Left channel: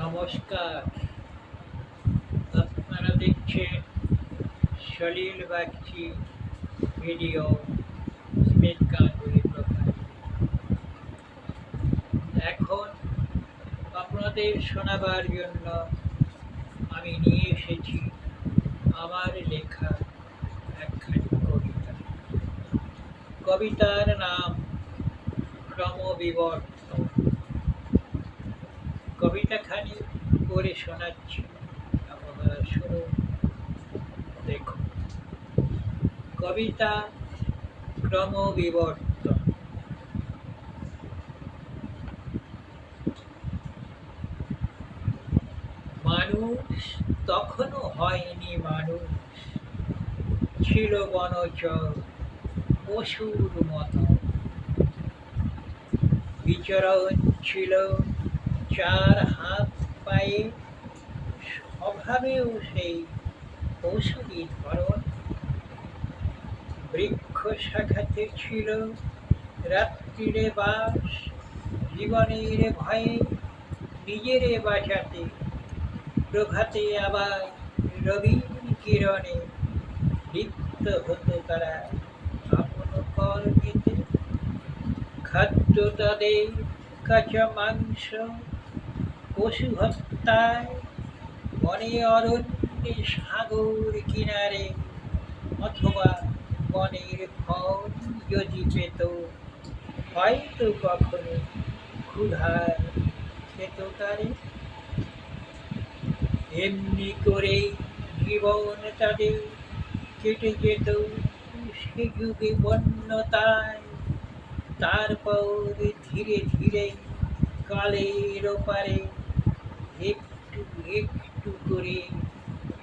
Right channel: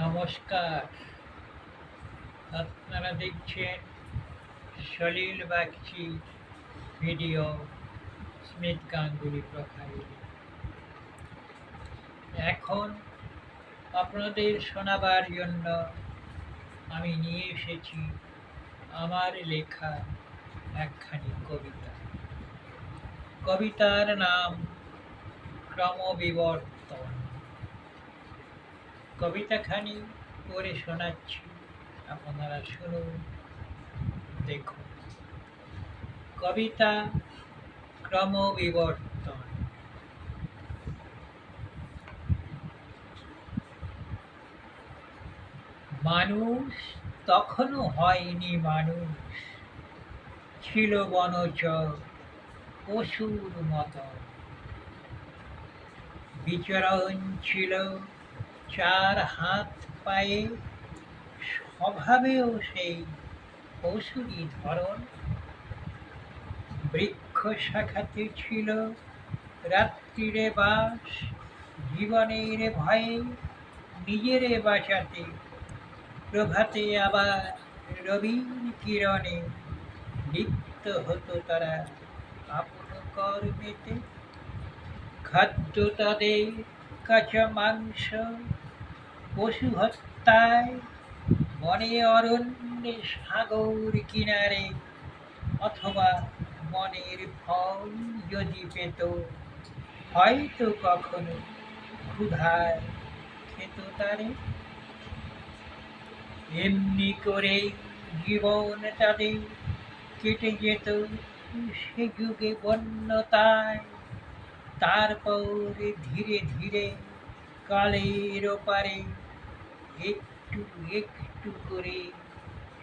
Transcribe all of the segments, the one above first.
নমস্কার। আপনারা দেখছেন Salil Bagchi video Smith Ganguly profile. এখন আপনাদের শোনাবার জন্য আমি নিয়ে এসেছি আমার লেখা একখানি কবিতা। কবিতার নাম ক্রমবিবর্তন। কবিতাখানি পড়ে শোনাচ্ছি, আপনারা শুনুন, দেখুন। কবিতা ক্রমবিবর্তন। মানুষ তখনও হয়নি মানুষ, ছিল বনচর পশুর মতো। বিচরণ ছিল চার হাত পায়ে, স্বভাবেও সেই পশুরই ধরন। বৃক্ষ শাখাতে ছিল রাত্রিরে বাস, জীবনের ভয়ে নিজেরে বাঁচাতে। প্রভাতে আবার রবির কিরণে লিপ্ত হতো তারা আপন কর্মেতে। খাদ্য তাদের কাঁচা মাংস, পশু হত্যায়, বনে অরণ্যে সাগর কিনারে, অথবা বনের ফল যদি পেত, হয়তো কখনো ক্ষুধায় খেত তারে। এমনি করেই জীবন তাদের কেটে যেত সে যুগে বন্যতায়। তারপর ধীরে ধীরে কালের ওপারে একটু একটু করে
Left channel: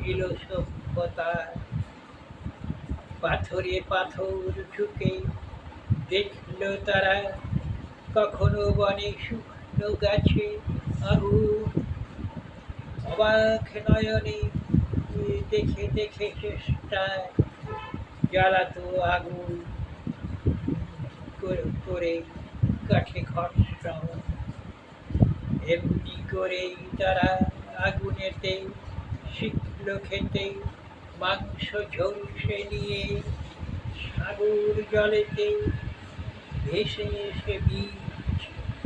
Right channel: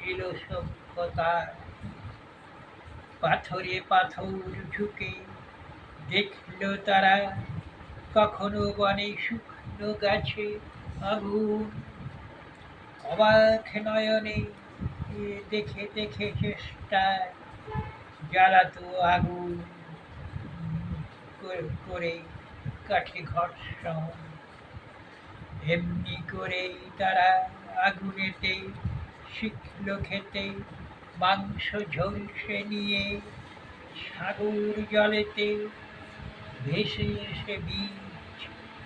এলো সভ্যতার। পাথরে পাথর ঢুকে দেখলো তারা, কখনো বনে শুকনো গাছে আগুন। অবাক নয়নে দেখে দেখে চেষ্টায় জ্বালাতো আগুন করে কাঠে ঘর্ষণ। এমনি করেই তারা আগুনেতে শিখল খেতে মাংস ঝলসে নিয়ে। সাগর জলেতে ভেসে এসে বীজ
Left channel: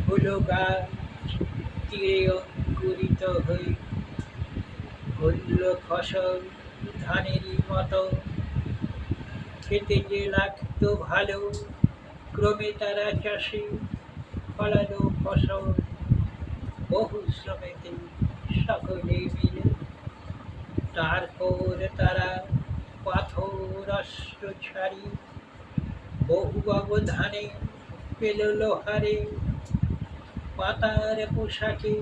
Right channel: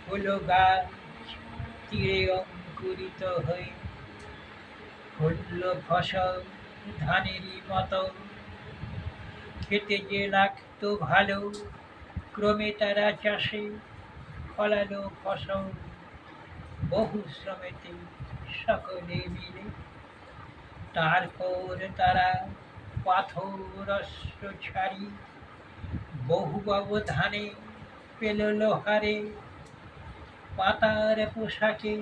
হলো গাছ, তীরে অঙ্কুরিত হয়ে হল ফসল ধানেরই মতো। খেতে যে লাগতো ভালো, ক্রমে তারা চাষে ফলালো ফসল বহু শ্রমেতে সকলে মিলে। তারপর তারা পাথর অস্ত্র ছাড়ি বহু ব্যবধানে পেল লোহারে। পাতার পোশাকে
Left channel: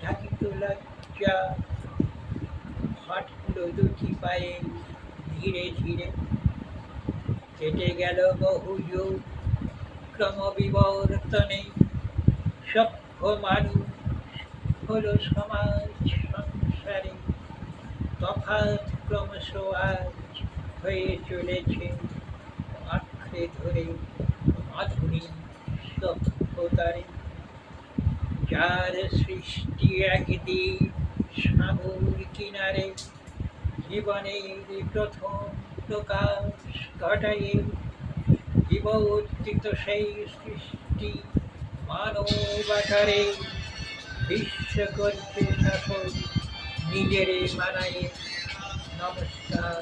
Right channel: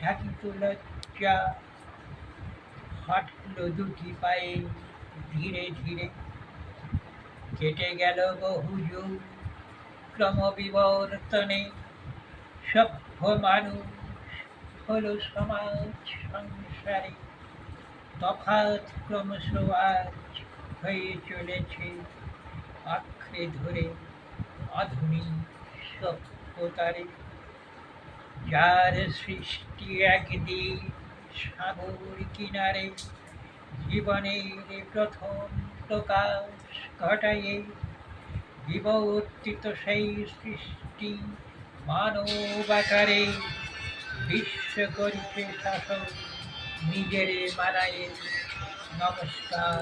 ঢাকিত লজ্জা, হাঁটল দুটি পায়ে ধীরে ধীরে। কেটে গেল বহু যুগ ক্রমবিবর্তনে, সভ্য মানুষ হলো সমাজ সংসারে। তফাৎ ক্রমশ আজ হয়ে চলেছে আঁকড়ে ধরে আধুনিক সভ্যতারে। যার সৃষ্টি একদিন সাগর কিনারে, জীবনের প্রথম প্রকাশ ঘটায়ে। বিবর্তিত সেই সৃষ্টি মানব আকারে, বিশ্ব করছে শাসন নিজেরে মানায়ে। নমস্কার।